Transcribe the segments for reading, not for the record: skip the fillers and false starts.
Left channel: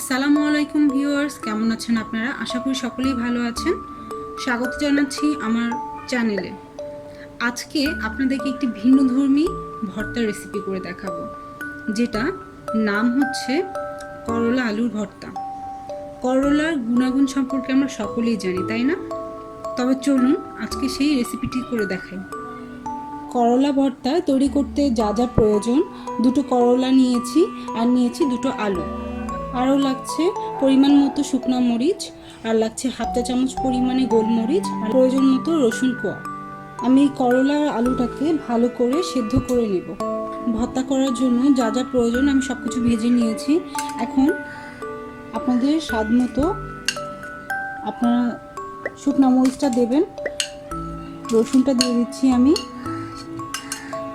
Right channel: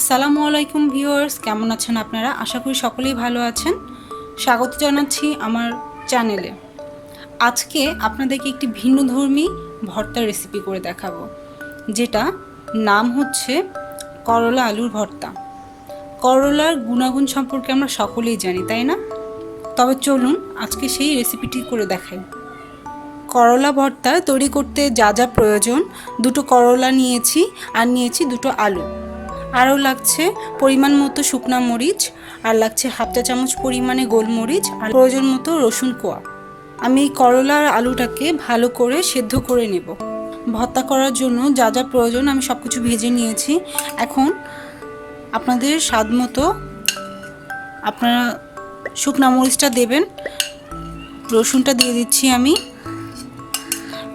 আসসালামু আলাইকুম ভিউয়ার্স, কেমন আছেন আপনারা? আশা করি সকলেই ভালো আছেন। স্বাগত জানাচ্ছি আমার চ্যানেলে। আজকে আপনাদেরকে একটি ভিন্নধর্মী ভর্তার রেসিপি করে দেখাবো, যেটা নাম হচ্ছে করলা আলুর ভর্তা। করলার গুণাগুণ সম্পর্কে আমরা সকলেই জানি, তাই না? তবে চলুন আজকে সেই রেসিপিটি করে দেখাই। করলা ভর্তা তৈরি করতে যা যা প্রয়োজন: দুটো করলা নিয়েছি, আর নিয়েছি দুটো আলু, আরও লাগছে পরিমাণ মতো শুকনো মরিচ, আর লাগছে হাফ চা চামচ পরিমাণে গোলমরিচ, আর প্রয়োজন মতো রসুন কোয়া। আমি এই করলা আর আলুটাকে ভালো করে সেদ্ধ করে নেব। ভর্তা করার জন্য যা যা প্রয়োজন আমি সব কিছু ভেজে নিয়েছি। এখন আপনাদের স্বাদ মতো আপনারা শুকনো মরিচটা দেবেন, রসুনটা দিয়ে দিচ্ছি আমি,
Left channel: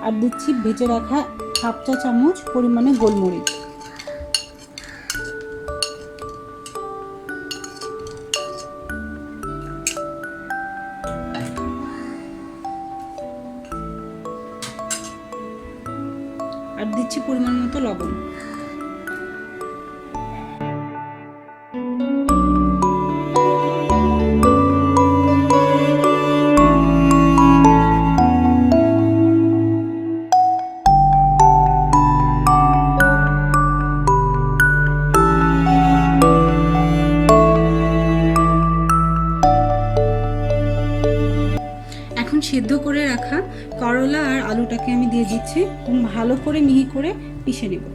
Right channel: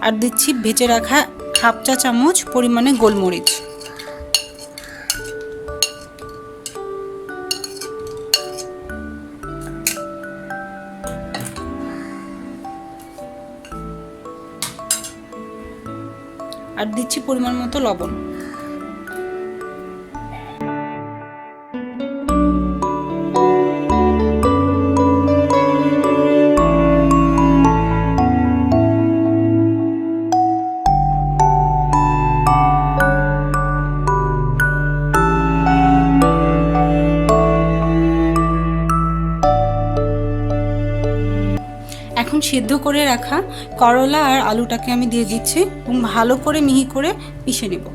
আর দিচ্ছি ভেজে রাখা হাফ চা চামচ পরিমাণে গোলমরিচ। আর দিচ্ছি পরিমাণ মতো লবণ। এখন সিদ্ধ করে রাখা করলা আর আলুটাকে আমি দিয়ে দিচ্ছি এবং ভালো করে মিহি করে পিষে নেব।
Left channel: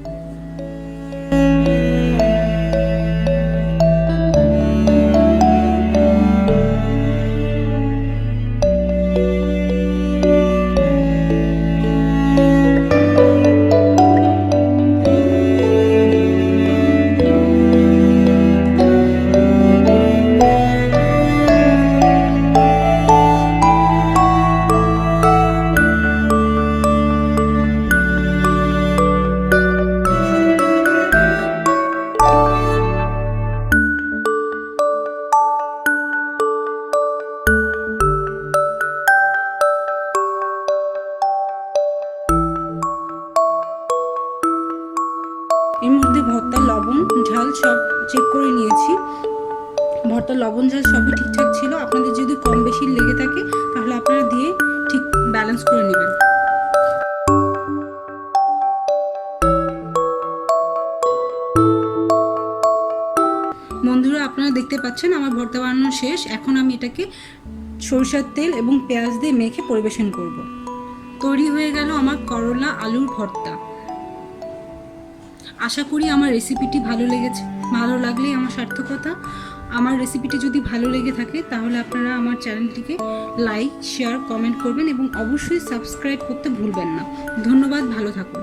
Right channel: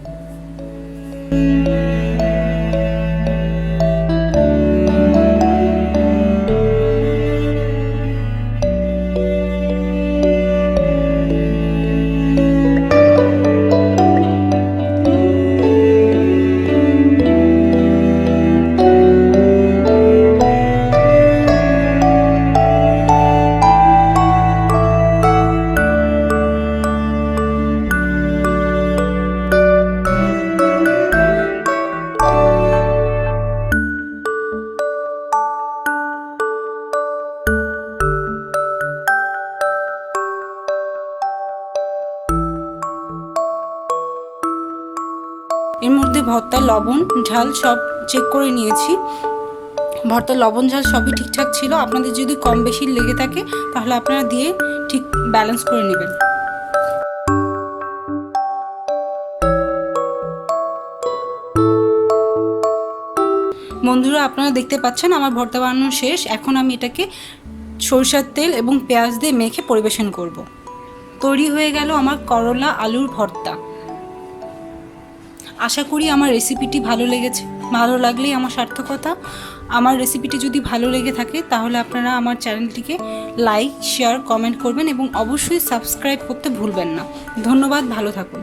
এর মধ্যে ভর্তার লবণ ঝাল সব চেক করে নিয়েছি। ভর্তার লবণ ঝাল সবই ঠিকঠাক ছিল। আপনাদের যদি কম বেশি লেগে থাকে তাহলে আপনারা দিয়ে ঠিক ব্যালেন্স করে নেবেন। বন্ধুরা, আপনারা দেখতে পাচ্ছেন আমার ভর্তা বানানো শেষ। এখন আমি এটাকে সরিষার তেল এবং পেঁয়াজ দিয়ে মেখে পরিবেশন করব। তৈরি হয়ে গেল আমার করলা আলুর ভর্তা। আশা করি আমার রেসিপিটি ভালো লেগেছে। ভালো লাগলেই আমার সার্থকতা। আমার রেসিপিটি যদি ভালো লেগে থাকে তাহলে আপনারা আমার চ্যানেলটিকে লাইক, শেয়ার, কমেন্ট করবেন এবং অবশ্যই সাবস্ক্রাইব করতে ভুলবেন না। ধন্যবাদ, ভালো থাকুন।